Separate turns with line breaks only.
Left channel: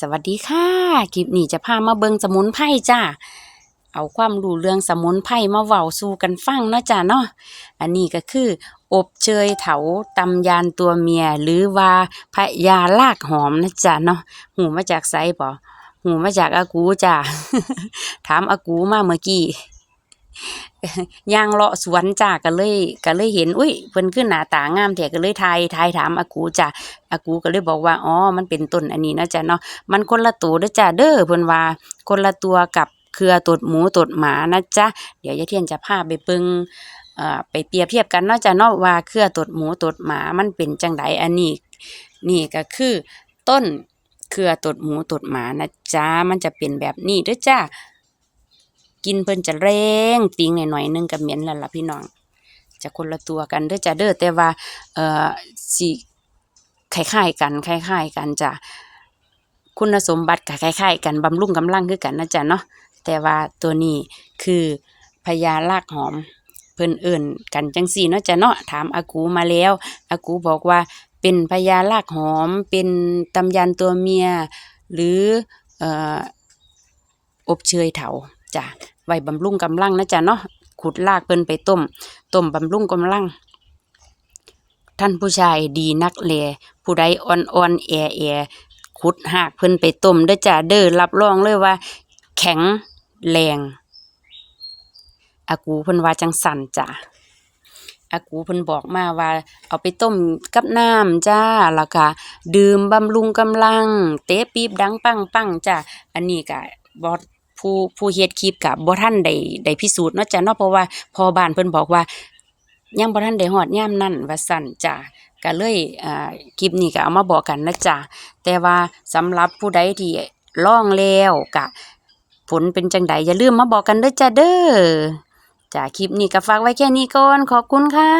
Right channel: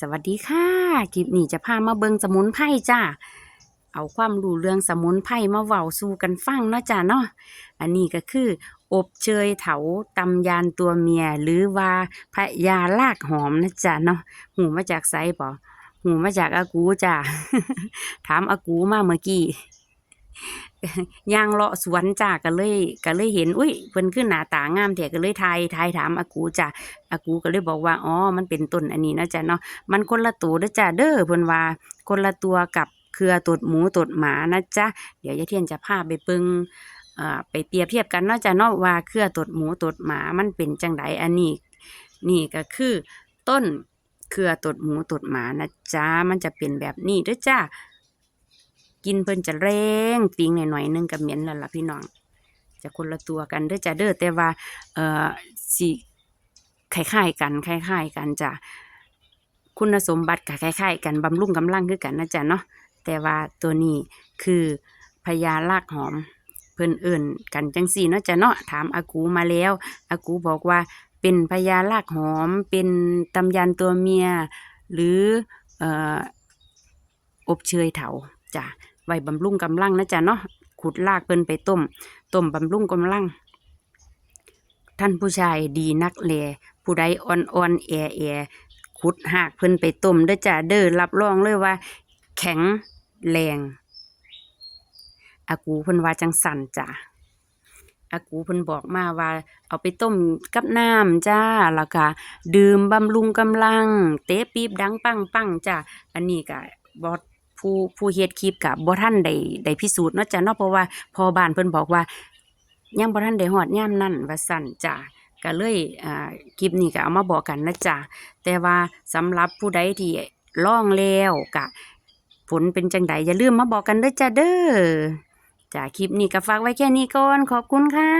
สวัสดีค่ะคลิปนี้จะพามาเบิงสมุนไพรจ้าเอาความรู้เรื่องสมุนไพรมาเว้าสู่กันฟังเนาะจ้าเนาะอันนี้ก็คือ อบเชยเถาตำยานตัวเมีย หรือว่าพยาลากหอมนะจ้าเนาะหูมาจากไซบ่หูมาจากอากูจ้าถามอากูมาเมื่อกี้ ย่างเลาะสวนจ้าก็เลยก็เลยเห็นอุ้ยเพิ่นคือหน้าตางามแท้ก็เลยทายทายถามอากูจ้าอากูก็เลยบอกว่าอ๋อมันเป็นต้นอันนี้นะจ้าเนาะมันคนละตัวเด้อจ้าเด้อเพิ่นว่าคนละตัวกับเครือตดหมูตดหมานะจ๊ะเดี๋ยวยายเทียนจะพาไปเบิ่งเอ่อไปเปรียบเทียบกันเนาะจ้ะเนาะว่าเครือตดหมูตดหมามันเป็นจังไดอันนี้นี่ก็คือต้นเครือตดหมูตดหมานะจ๊ะมันจะเป็นแบบนี้ด้อจ้า กินเพิ่นจะแรงติงหน่อยๆนึงก็เหม็นแล้วล่ะพี่น้องจะคนละตัวกันเด้อจ้าเด้อแต่ว่าเอ่อสิคล้ายๆกันคล้ายๆกันจ้ะคุณสมบัติก็คล้ายๆกันบำรุงกำลังคือกันนะจ๊ะเนาะแต่ว่าตัวนี้คือพญาลากหอมเพิ่นเอิ่นกันจังซี่เนาะจ้ะเนาะถามอากูมาแล้วอากูบอกว่าเป็นพญาลากหอม เป็นตำยานตัวเมีย หรือเอ่ออบเชยเถา จ้ะไว้บำรุงกำลังนะจ๊ะเนาะขุดรากเพิ่นไปต้มต้มบำรุงกำลัง ท่านผู้ชายดีนักแลผู้ใดอ่อนๆแอแอขุดหากเพิ่นไปต้มเด้อจ้าเด้อรับรองเลยว่า แข็งแรงอากูเพิ่นว่าจังสั่นจ้ะอากูเพิ่นบอกมาว่า เอาไปต้มกับน้ำจ้าแล้วก็ดื่มบำรุงกำลัง เตะปี๊บดังปังปังจ้ะอันนี้ก็บ่ ผู้ผู้เฮ็ดคลิปก็บ่ทันได้ได้พิสูจน์เนาะจ้ะเนาะเพราะว่าพอบ้านเพิ่นบอกว่ายังบ่ทันได้ฮอดยามนั้นว่าซั่นจ้ะก็เลยเอ่อคลิปนี้ก็เอามาบอกกันนะจ้ะแต่ว่าสำหรับผู้ใดที่ลองแล้วก็ผลเป็นจังใดอย่าลืมมาบอกกันเด้อจ้ะเด้อจ้ะคลิปนี้ก็ฝากไว้แค่นี้ก่อนขอบคุณค่ะ